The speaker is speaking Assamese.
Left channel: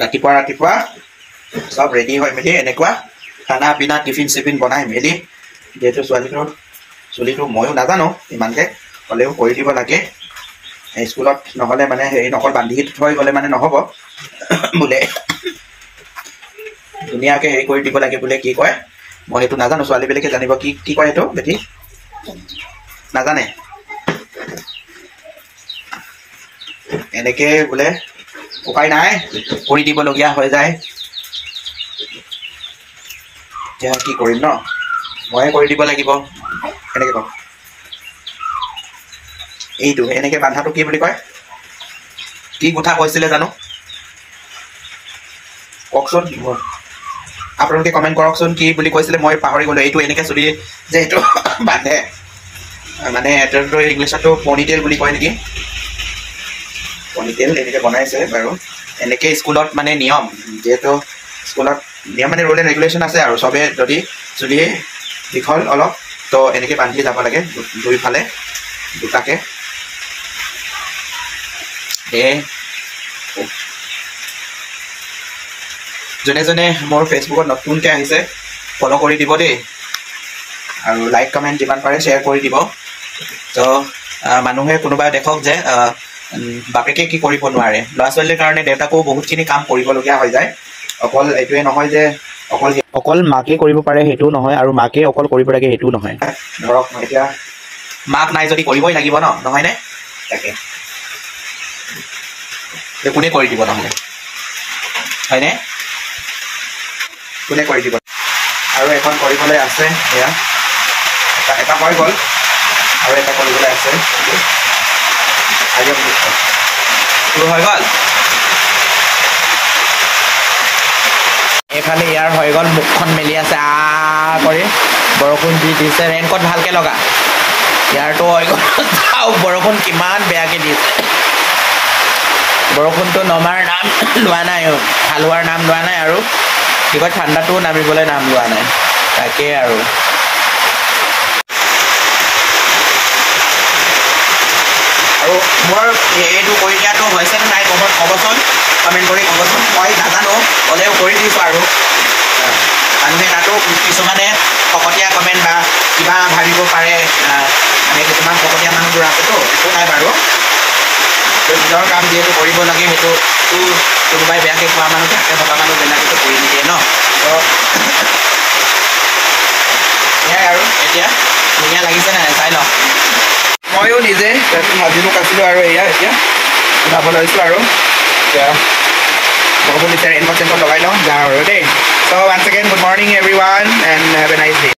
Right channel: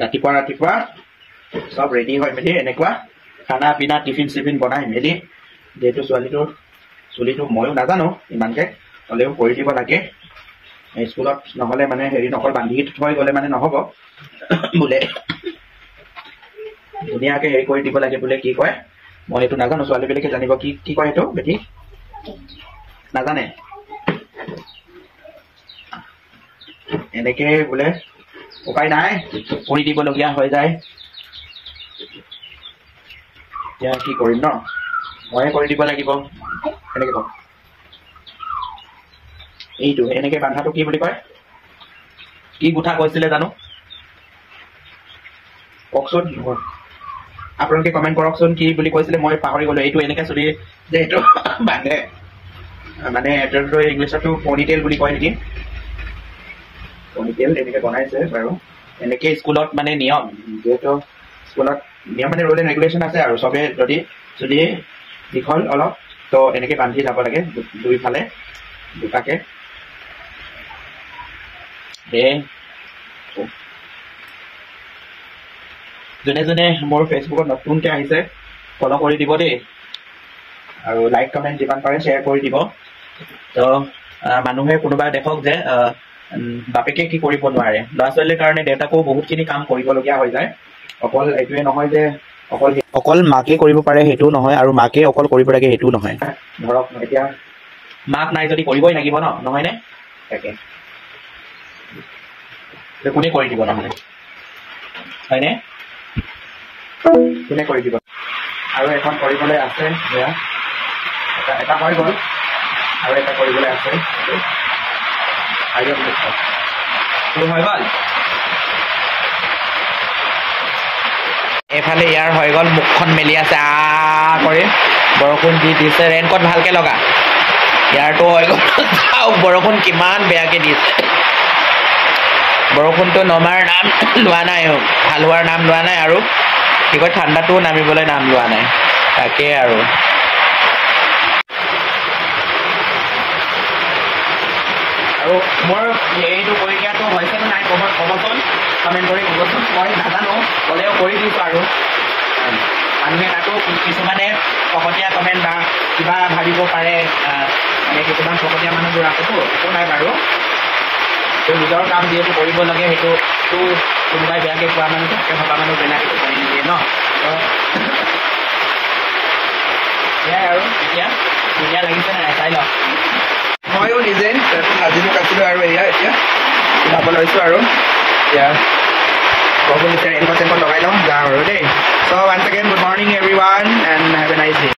ৰাতিপুৱা সব ৰেডি হৈ মেলি এনেকুৱা খানা পিনা টিফিন চিফিন বনাই মেলি যিহেতু চুলিটো ময়ো নাজানো ইমানকে হ'লেও কৰি দিব লাগে স্কুলত নহ'লে মানে হেৰি নকল বান্ধি থৈ গ'লে মানে নহ'ব বোলে ধুনীয়াকৈ হেৰি কৰি দিব লাগে বোলে কি কয় মই সেইটো নাজানো ছোৱালীবিলাকে জানিব কি কয় সেইটো বেটি নাজানে এনেকৈ বোলে উপায় নাই কৰি দিবলগীয়া হৈ যায় এতিয়া কি কৰিম ন ময়ে কৰি দিব লাগিব এনেকৈ কওঁ এইটো এনেকৈ বান্ধাটো কি বুলি কয় কি কথা কৈছিলে জানো কওকচোন আপোনালোকে কমেণ্ট কৰকচোন কি বুলি কৈছিলে মই পাহৰি গ'লোঁ এইটো এনেকৈ চুলি যে এইটো বান্ধে মানে এইটো ইংলিছতো পনিটেইল বুলি কয় নেকি পনিটেইল এনেকৈ বনাইছে বাৰু এনেকৈ স্কুলত মানে নিয়ম যিহেতু স্কুলত নিয়ম মানে ৰুল এণ্ড ৰেগুলেশ্যন আছে আৰু চবে যদি চুলি দীঘল অলপ তো এনেকৈ বান্ধি যাব লাগে দুইফালে দুটাকে যোনে যোনে মোৰ ফেচবুকত নতুনকৈ আহিছে ফ'ল' কৰি দিব দেই আৰু লাইক কমেণ্ট যিমান পাৰে শ্বেয়াৰ কৰি দিব তো মানুহে কোনোবাই দেখক যে বাপেকে কি কৰিব নোৱাৰে ল'ৰা ছোৱালীৰ কাৰণে দেউতাকো বহুতখিনি কাম কৰিবলগীয়া হৈ যায় অকল এইটোৱে নহয় যে অকল মাকে কৰিব পাৰে সেইটোও নহয় আৰু মাকে অকল কৰিব লাগে সেইটোও নহয় ধৰক এতিয়া মাক নাই যদি কৰিবই লাগিব ন নহয়নে তাকে কোনে কৰি দিব নহ'লে হয়নে কোনে কৰি দিব আৰু এখন কৰিবলৈ আছে এয়া এটা হৈ গ'ল আৰু এটা কৰিবলৈ আছে হৈ গ'ল এইফালে ইয়াৰ হৈ গ'ল মুখখন মেলি আছে কৰি বৰষুণ দি দিছে ৰেইনকোট ভালকৈ লগা ইয়াৰটো হৈ গ'ল চাওক বৰষুণ কিমান বেয়াকৈ দিছে বৰষুণটো নমাৰ নাম লোৱা নাই ভাল হোৱাৰ নাম লোৱা নাই আৰু কি কয় ঠাণ্ডাটোও নামিবলৈ নাম লোৱা নাই তাকেই আৰু মোৰ এইটো কৰি দিয়াটো হৈছেনে নাই ক'বচোন কমেণ্ট কৰি ক'বচোন মই নাজানো হ'লেও কৰি দিছোঁ আৰু মানুহে তাতো কিছুমানে ফকতীয়া কমেণ্ট বা কিবা ভাবিব পাৰে মানে কিছুমান ফকতীয়া মানুহবোৰ আছেতো একো নাই বাৰু নিজৰ কাম যিহেতু কৰিব লাগে সেইটো কোনোবাই বেয়াকৈ কোৱা মানুহ থাকে ভবা মানুহবিলাকেতো কৰি নিদিয়ে ন তো সেয়াই আৰু এতিয়া ধুনীয়া লাগিছে নাই চাই লওক ময়ো নিজে ভাজি মোক আছিলোঁ আৰু এয়া এতিয়া ওলাব লৈছোঁ আৰু এতিয়া বৰষুণ দিছে ৰেইনকোট চেইনকোট লগাই লওঁ যাওঁ আৰু দেই চ' once again good morning everyone and have a nice day